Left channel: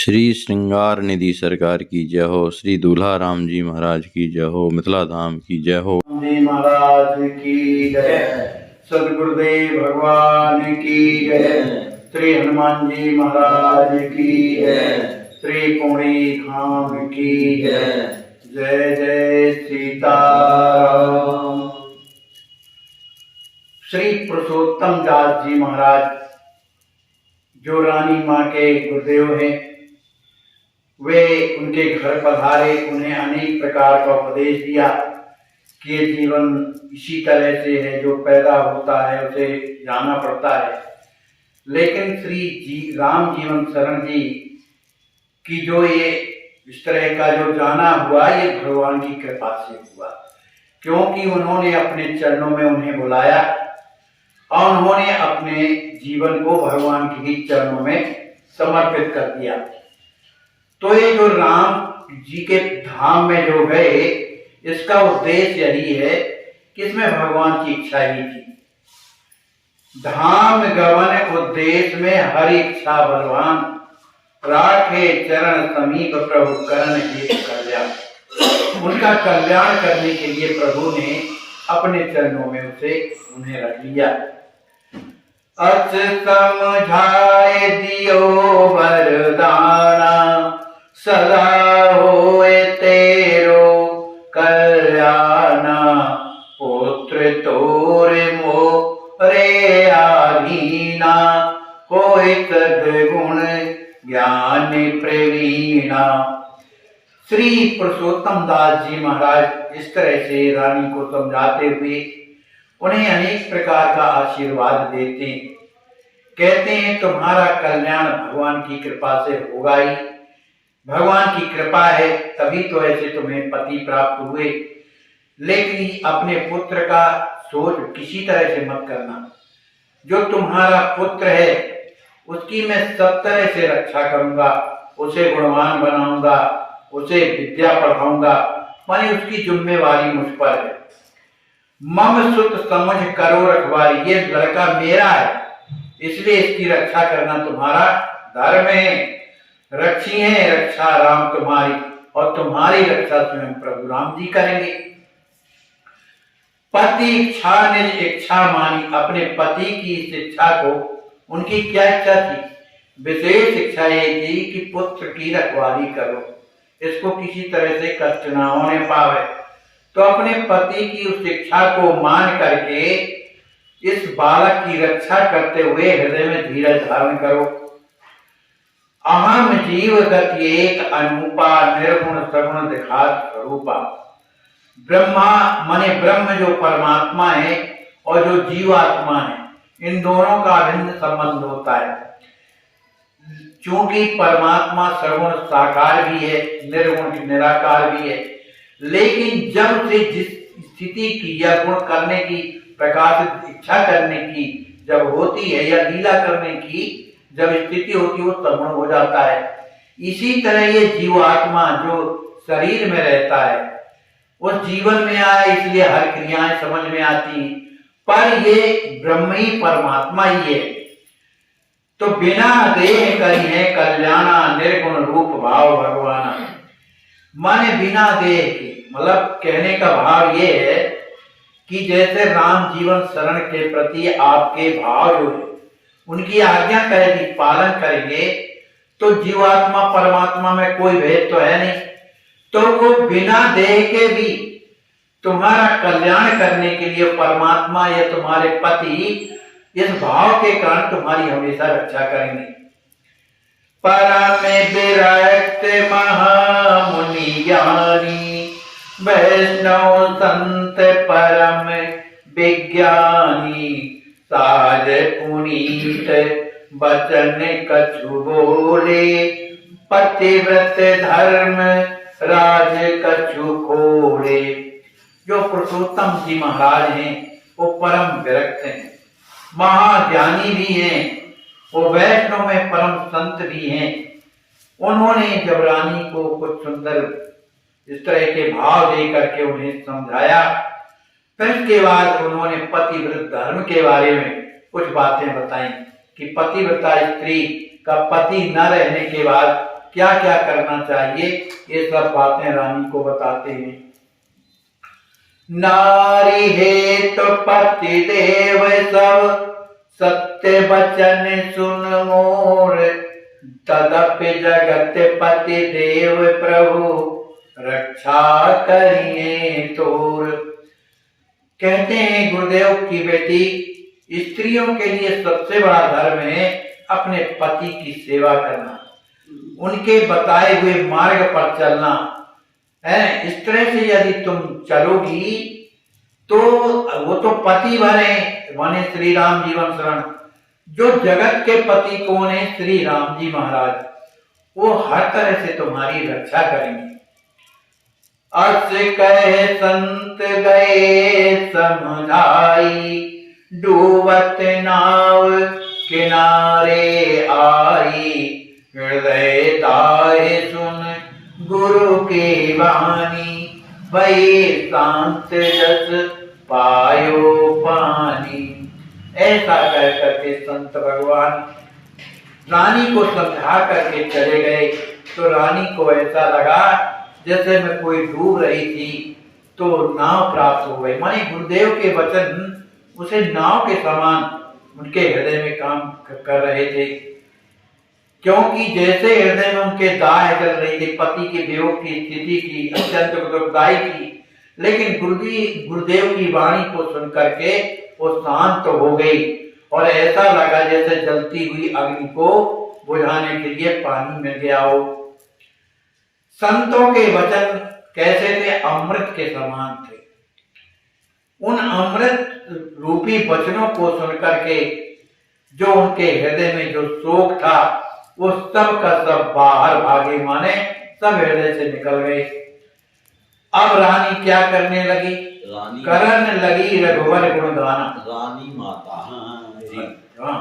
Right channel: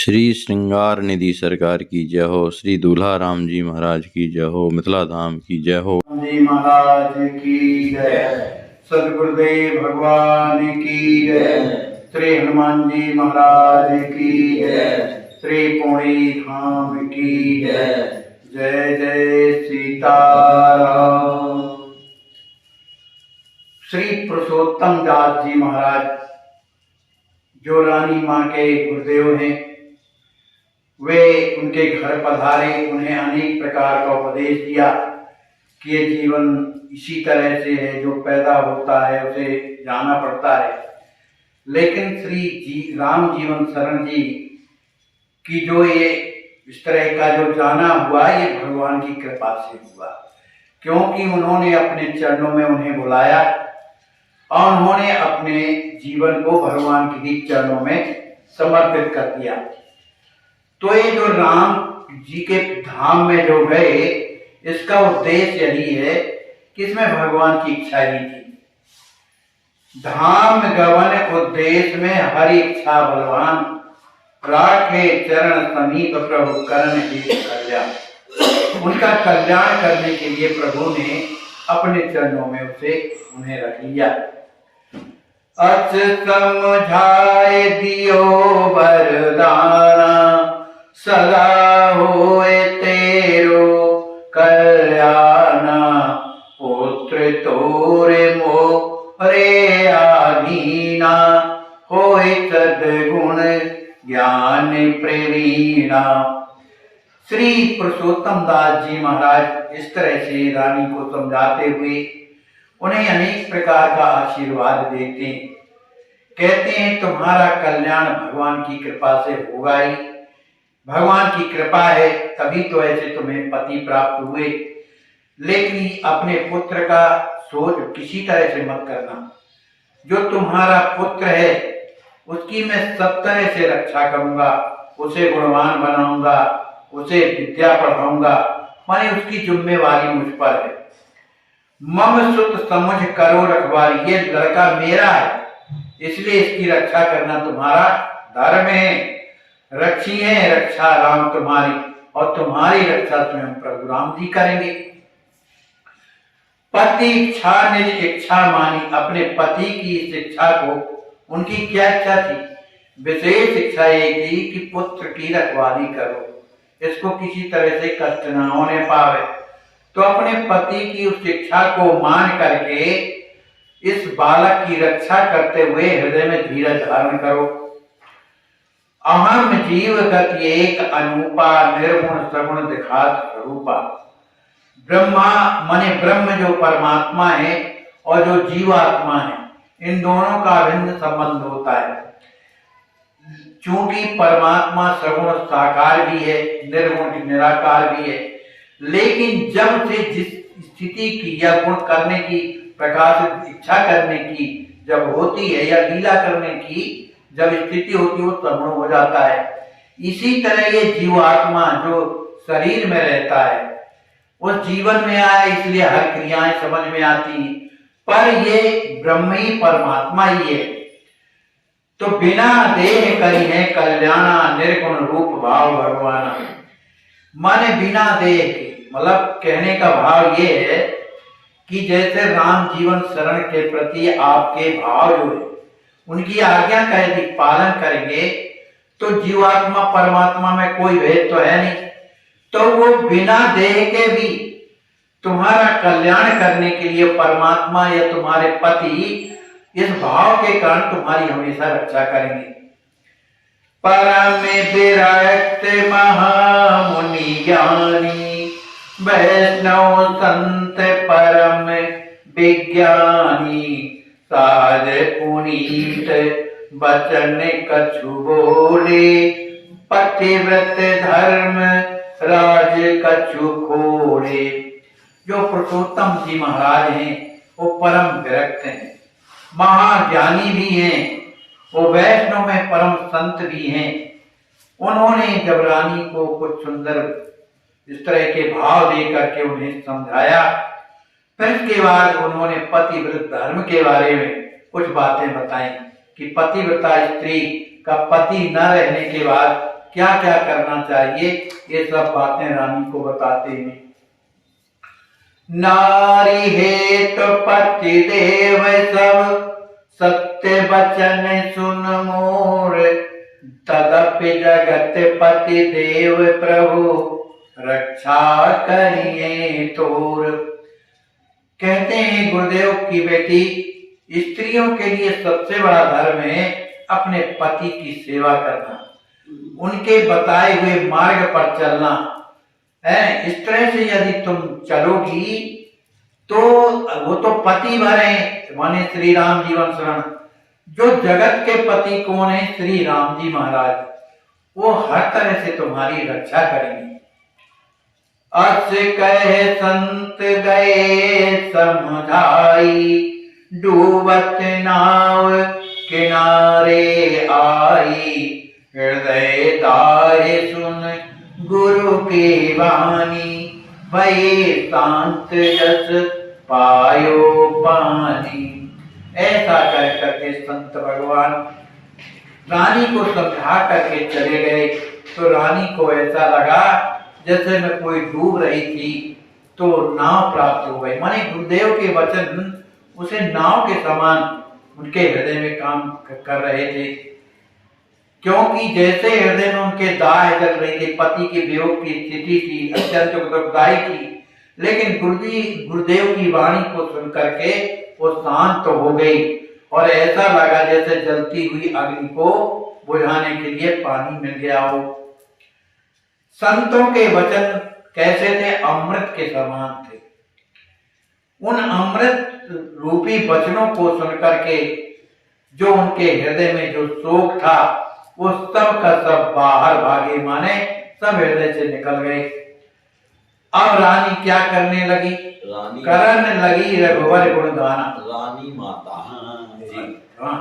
श्री श्रृंगार निधि सरकार की जय हो। श्री दूल्हा राम जी महाराज की जय हो। मिथिला धाम की जय हो। जी महाराज की जय। सदगुरुदेव भगवान की जय। श्री हनुमान जी महाराज की जय। श्री पुणे धाम की जय। जय जय सीताराम। श्री पुरुषोत्तम दास जी महाराज जो रानी माँ के गुरुदेव हैं, वे उनके घर पधारे, उन्हें अनेक प्रकार का उपदेश दिया कि ये जीवन इसी तरह से है, जो पैदा होता है उसे जाना पड़ता है। लेकिन श्री राम जीवन शरण जी की जो ये इस तरह का जो जाना हुआ, ये भगवान की कृपा से हुआ, क्योंकि उन्होंने अपने चरणों में उन्हें बुलाया और उन्होंने अपने जीवन को भगवान के चरणों में समर्पित कर दिया। तो ये जो राम जी के धाम में जो गए, इसका उद्देश्य यही है कि इसमें भगवान की इच्छा ही थी। धाम गवन उद्देश्य में हर इच्छा बलवान, राखे चरण समीप प्रभु करण के कल्याण। उनका कल्याण करने के लिए प्रभु ने अपने चरणों में उन्हें रख लिया। अच समझाए दियो वरदाना, सदा होए तेरो कल्याणा। पुत्र तोरे मोरे आधीना, होए सद्गुण ज्ञान प्रवीणा। श्री पुरुषोत्तम दास जी महाराज इस तरह से रानी को समझाते हुए उन्हें अनेक प्रकार का आशीर्वाद देते हैं। कहते हैं तुम्हारा कल्याण भगवान की कृपा से होगा ही। भगवान की कृपा है तभी तो ऐसे तुम्हें पति प्राप्त हुए। लेकिन अपने पुत्र का सोच किसी तरह से मत करना। जो तुम्हारा पुत्र है उसकी मैं सब तरह से रक्षा करूंगा, उसे गुणवान बनाऊंगा, उसे विद्या पढ़ाऊंगा, माने उसकी जिम्मेवारी मुझ पर है। मम सुत समझ करो रखवारी, ये लड़का मेरा है, इसलिए इसकी रक्षा करना तुम्हारा धर्म है। रक्षी है रक्षा राम तुम्हारी, और तुम्हारी रक्षा स्वयं प्रभु राम जी करेंगे। पति इच्छा निज इच्छा मानी, अपने पति की इस इच्छा को, उनकी क्या इच्छा थी? विशेष इच्छा ये थी कि पुत्र की रखवाली करो, इसको किसी तरह से कष्ट ना होने पावे। तो अपने पति की उस इच्छा को मान करके इस बालक की रक्षा करते हुए हृदय में धीरज धारण करो। अहम जीव गति एक अनूपा, निर्गुण सगुण दिखात रूपा। ब्रह्मा माने ब्रह्म जो परमात्मा है और जो जीवात्मा है, इन दोनों का भिन्न संबंध होता है। चूंकि परमात्मा सगुण साकार भी है, निर्गुण निराकार भी है, लेकिन जब से जिस स्थिति की या गुण करने की, प्रकाश इच्छा करने की जब होती है या लीला करने की जब स्थिति होती है, वो सगुण हो जाता है। इसी तरह ये जीवात्मा जो शरीर में रहता है, उस जीवन में आया, इसलिए हर क्रियाएं समझ में आती, पर ये ब्रह्म ही परमात्मा ही है। तो बिना देह करी है कल्याणा, निर्गुण रूप भाव भगवाना। माने बिना देह के, मतलब कहने का भाव ये है कि जैसे राम जीवन शरण के प्रति आपके भाव जो है, उनकी आज्ञा का यदि पालन करेंगे तो जीवात्मा परमात्मा में कोई भेद तो है नहीं, तो वो बिना देह के भी तुम्हारा कल्याण करने के लिए परमात्मा या तुम्हारे पति इस भाव के कारण तुम्हारी हमेशा रक्षा करेंगे। परम विरक्त महामुनि ज्ञानी, वैष्णव संत परम विज्ञानी। सार पुनीत वचन कछु बोले, पतिव्रत धर्म राज कछु खोले। जो पुरुषोत्तम जी महाराज हैं वो परम विरक्त हैं, महाज्ञानी भी हैं, वो वैष्णव में परम संत भी हैं। उन्होंने जब रानी को कुछ सुंदर इस तरह के भाव दे करके उन्हें समझाया, फिर इसके बाद उन्होंने पतिव्रत धर्म के बारे में कुछ बातें बताई कि पतिव्रता स्त्री का पति न रहने के बाद क्या क्या करना चाहिए, ये सब बातें रानी को बताते हैं। नारी है तो पति देव सब, सत्य वचन सुन मोर, तदपि जगत पति देव प्रभु, रक्षा करिए तोर। कहते हैं गुरुदेव की बेटी, स्त्रियों के लिए सबसे बड़ा धर्म है अपने पति की सेवा करना, उनके बताए हुए मार्ग पर चलना है। इस तरह से यदि तुम चलोगी तो वो तो पति भरे माने श्री राम जीवन शरण। जो जगत के पति कौन है? श्री राम जी महाराज। वो हर तरह से तुम्हारी रक्षा करेंगे। अस कहे संत गए समझाई, डूबत नाव किनारे आई, हृदय दाए सुन गुरु की वाणी, भई शांत जस पायो पानी। ऐसा कह करके संत भगवान रानी को समझा करके चले गए। तो रानी को ऐसा लगा जैसे मैं कोई डूब रही थी तो नाव प्राप्त हो गई। माने गुरुदेव के वचन उसे नाव के समान उनके हृदय में काम कर रहे थे, क्योंकि जैसे हृदय में उनके दाह चल रही थी, पति के वियोग की स्थिति थी, अत्यंत दुखदायी थी, लेकिन गुरुदेव की वाणी को सुन करके वो शांत हो गई और ऐसा लगा जैसे जलती हुई अग्नि को बुझाने के लिए पानी मिल गया हो। संतों के वचन कैसे थे? अमृत के समान थे। उन अमृत रूपी वचनों को सुन करके जो उनके हृदय में जो शोक था वो सब का सब बाहर भागे, माने सब हृदय से निकल गए। अब रानी क्या करने लगी? करने लगी रघुवर गुण गाना। रानी माता। हाँ,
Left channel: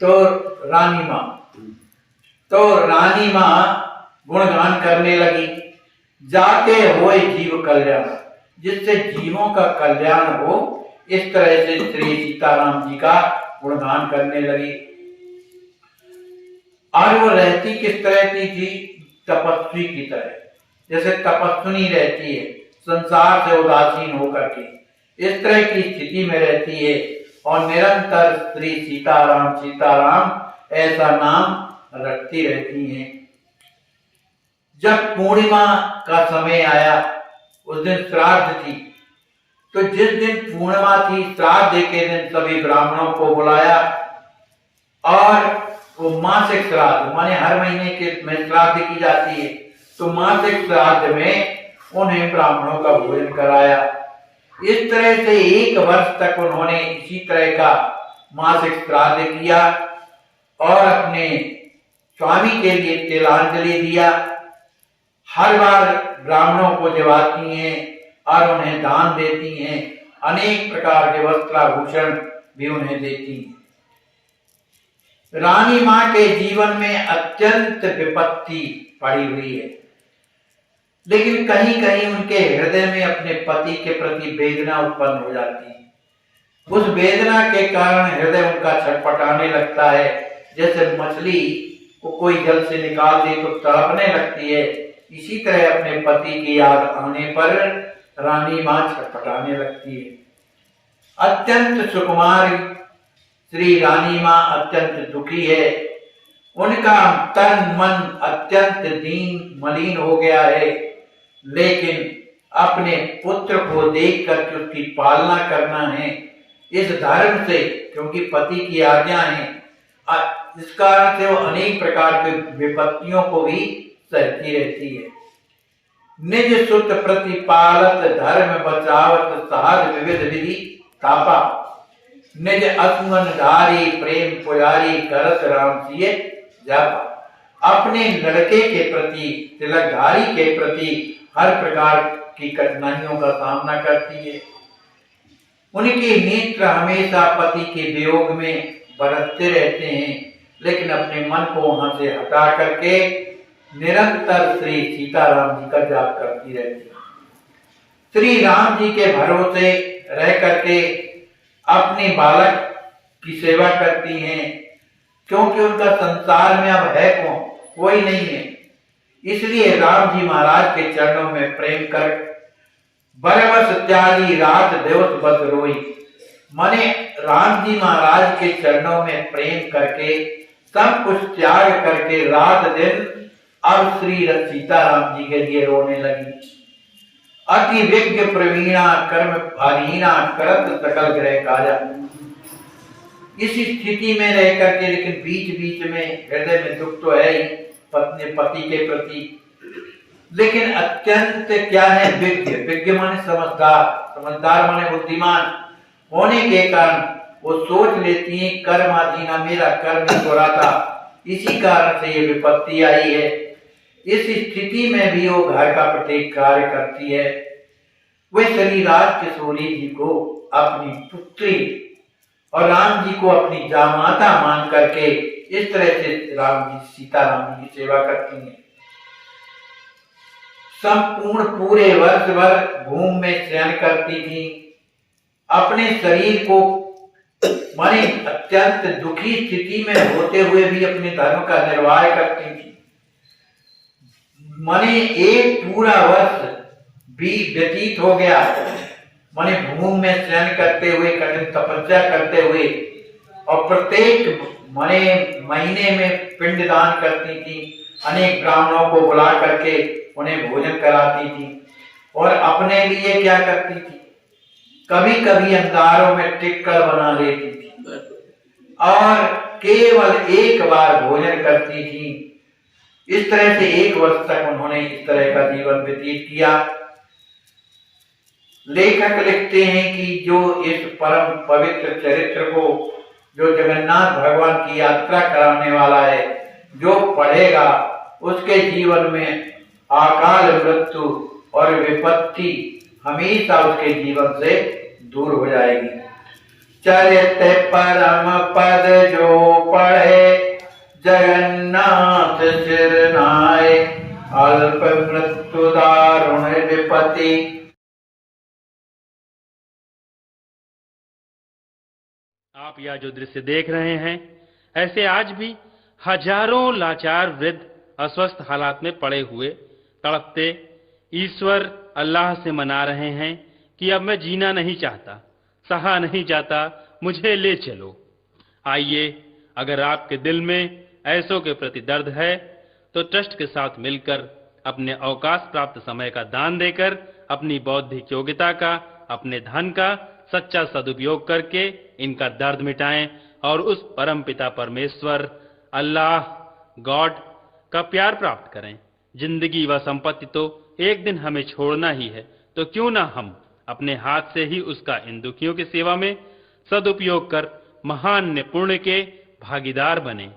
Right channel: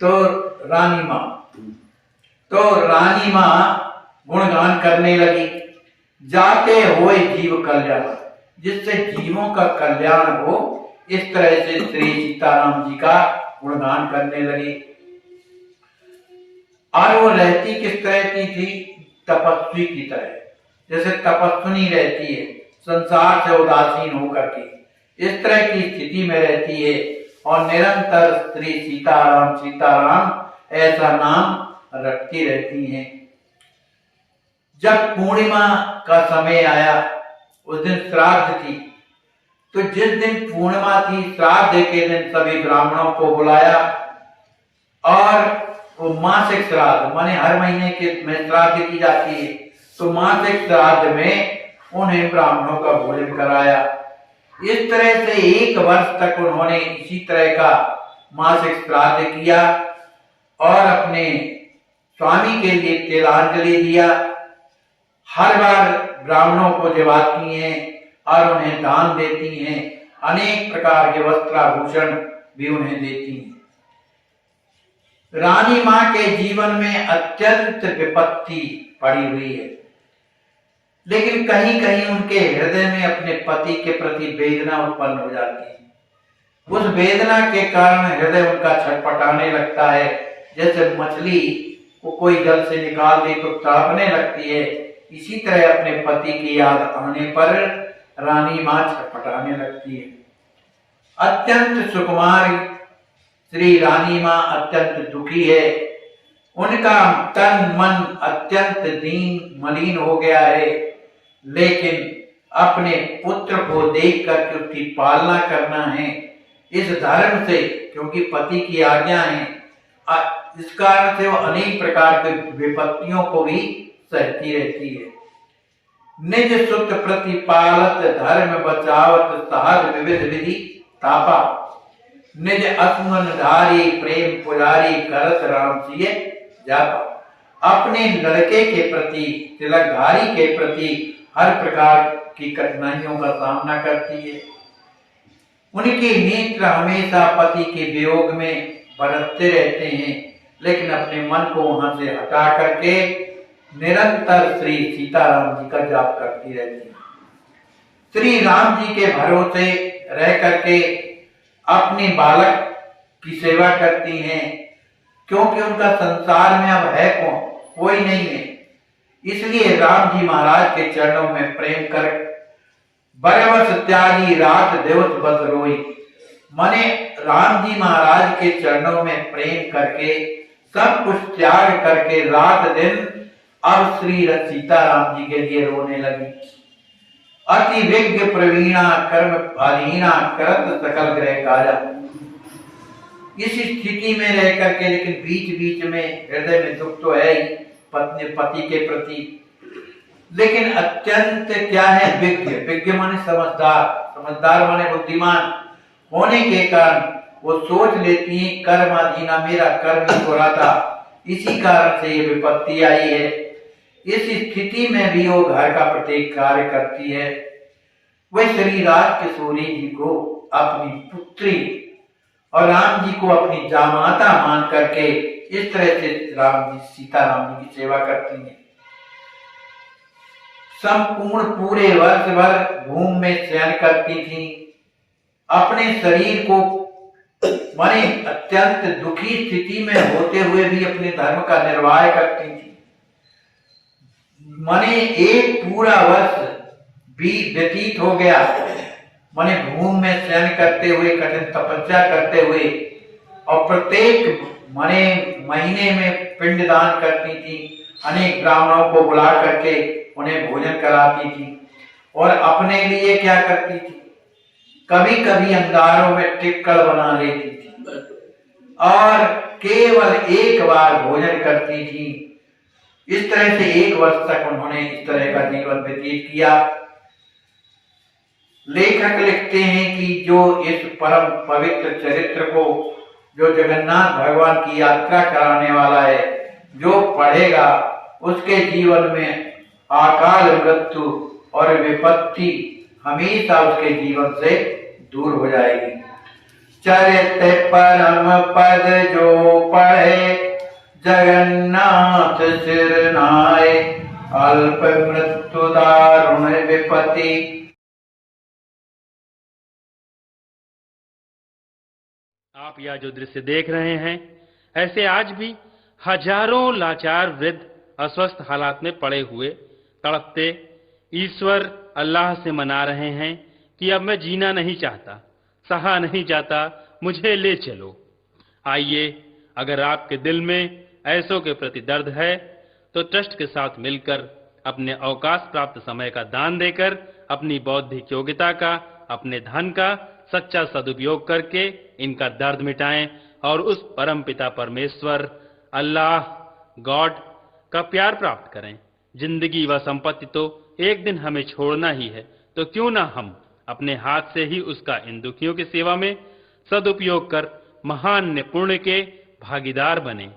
तो रानी माँ गुणगान करने लगी। जाते हुए जीव कल्याण, जिससे जीवों का कल्याण हो, इस तरह से श्री सीताराम जी का गुणगान करने लगी। और वो रहती किस तरह की थी? तपस्वी की तरह, जैसे तपस्विनी रहती है, संसार से उदासीन होकर के इस तरह की स्थिति में रहती है और निरंतर श्री सीताराम सीताराम ऐसा नाम रटती रहती हैं। जब पूर्णिमा का समय आया, उस दिन श्राद्ध थी, तो जिस दिन पूर्णिमा थी, श्राद्ध के दिन सभी ब्राह्मणों को बुलाया और वो मासिक श्राद्ध माने हर महीने के में श्राद्ध की जाती है, तो मासिक श्राद्ध में उन्हें ब्राह्मणों का भोजन कराया। इस तरह से 1 वर्ष तक उन्होंने इसी तरह का मासिक श्राद्ध किया और अपने स्वामी के लिए तिलांजलि दिया। हर बार ब्राह्मणों को जिवाती हैं और उन्हें दान देती हैं, अनेक प्रकार के वस्त्राभूषण भी उन्हें देती हैं। रानी मां के जीवन में अत्यंत विपत्ति पड़ी हुई है, लेकिन कहीं कहीं उनके हृदय में अपने पति के प्रति वेदना उत्पन्न हो जाती है। उस वेदना के कारण हृदय उनका छटपटाने लगता है, जैसे मछली को कोई जल से निकाल दे तो तड़पने लगती है। इसी तरह अपने पति की याद आने पर रानी मां छटपटाने लगती है। अत्यंत सुकुमार श्री रानी मां अत्यंत दुखी है। उनका तन मन अत्यंत दीन मलिन हो गया है, लेकिन अपने पुत्र को देख कर उसकी पालना करना है इस धर्म से, क्योंकि पति की आज्ञा है, इस कारण से वो अनेक प्रकार के विपत्तियों को भी सहती रहती है। निज सुत प्रतिपालत धर्म बचावत सहज विविध विधि तापा, निज असमन धारी प्रेम पुजारी करत राम सिए जापा। अपने लड़के के प्रति, तिलकधारी के प्रति हर प्रकार की कठिनाइयों का सामना करती है। उनके नेत्र हमेशा पति के वियोग में बरसते रहते हैं, लेकिन अपने मन को वहां से हटा करके निरंतर श्री सीताराम जी का जाप करती रहती है। श्री राम जी के भरोसे रह करके अपने बालक की सेवा करती हैं, क्योंकि उनका संसार में अब है कौन? कोई नहीं है। इसलिए राम जी महाराज के चरणों में प्रेम कर बरबस त्यागी रात दिवस बस रोई। माने राम जी महाराज के चरणों में प्रेम करके सब कुछ त्याग करके रात दिन अब श्री सीता राम जी के लिए रोने लगी। अति विज्ञ प्रवीणा कर्म अधीना करत सकल ग्रह काजा। इस स्थिति में रह करके लेकिन बीच बीच में हृदय में दुख तो है ही पत्नी पति के प्रति, लेकिन अत्यंत क्या है विज्ञ। विज्ञ माने समझदार, समझदार माने बुद्धिमान होने के कारण वो सोच लेती है कर्म अधीना, मेरा कर्म ही बुरा था, इसी कारण से ये विपत्ति आई है। इस स्थिति में भी वो घर का प्रत्येक कार्य करती है। वह श्री राज किशोरी जी को अपनी पुत्री और राम जी को अपनी जामाता मान करके इस तरह से राम जी सीता राम जी की सेवा करती हैं। संपूर्ण पूरे वर्ष भर भूमि में शयन करती थी। अपने शरीर को माने अत्यंत दुखी स्थिति में होते हुए भी अपने धर्म का निर्वाह करती थी। माने एक पूरा वर्ष भी व्यतीत हो गया, माने भूमि में शयन करते हुए, कठिन तपस्या करते हुए, और प्रत्येक माने महीने में पिंडदान करती थी। अनेक ब्राह्मणों को बुला करके उन्हें भोजन कराती थी और अपने लिए क्या करती थी, कभी कभी अंगारों में टिक्कर बना लेती थी और केवल एक बार भोजन करती थी। इस तरह से एक वर्ष तक उन्होंने इस तरह का जीवन व्यतीत किया। लेखक लिखते हैं कि जो इस परम पवित्र चरित्र को, जो जगन्नाथ भगवान की यात्रा कराने वाला है, जो पढ़ेगा उसके जीवन में अकाल मृत्यु और विपत्ति हमेशा उसके जीवन से दूर हो जाएगी। चरित्र परम पद जो पढ़े जगन्नाथ सिर नाय, अल्प मृत्यु दारुण विपत्ति। आप यह जो दृश्य देख रहे हैं, ऐसे आज भी हजारों लाचार वृद्ध अस्वस्थ हालात में पड़े हुए तड़पते ईश्वर अल्लाह से मना रहे हैं कि अब मैं जीना नहीं चाहता, सहा नहीं जाता, मुझे ले चलो। आइए, अगर आपके दिल में ऐसों के प्रति दर्द है तो ट्रस्ट के साथ मिलकर अपने अवकाश प्राप्त समय का दान देकर अपनी बौद्धिक योग्यता का, अपने धन का सच्चा सदुपयोग करके इनका दर्द मिटाएं और उस परम पिता परमेश्वर अल्लाह गॉड का प्यार प्राप्त करें। जिंदगी व संपत्ति तो एक दिन हमें छोड़ना ही है, तो क्यों ना हम अपने हाथ से ही उसका इन दुखियों की सेवा में सदुपयोग कर महान पुण्य के भागीदार बने।